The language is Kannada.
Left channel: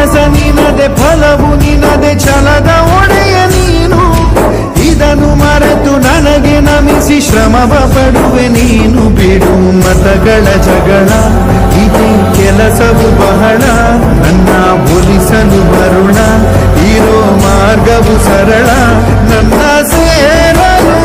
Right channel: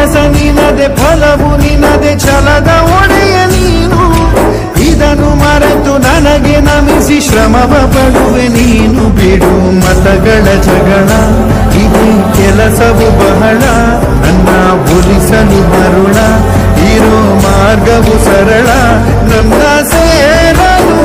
ಕೆಲಸ ನಿನದೆ, ಫಲವು ನಿನದೆ, ಛಲದ ಒಡೆಯ ನೀನು. ಇದನ್ನು ಮರೆತು ನನಗೆ ನಮಿಸಿ ಶ್ರಮವ ಪಡುವೆ ನೀನು. ಬಿಡು ಮತಗಳ ಜಗಳ, ಇದೇ ಕೆಲಸವು ಬಹಳ. ನನ್ನ ಒಲಿಸಲು ಮರುಳ, ಇರೋ ಮಾರ್ಗವು ಸರಳ. ನನ್ನ ಸೇರಲು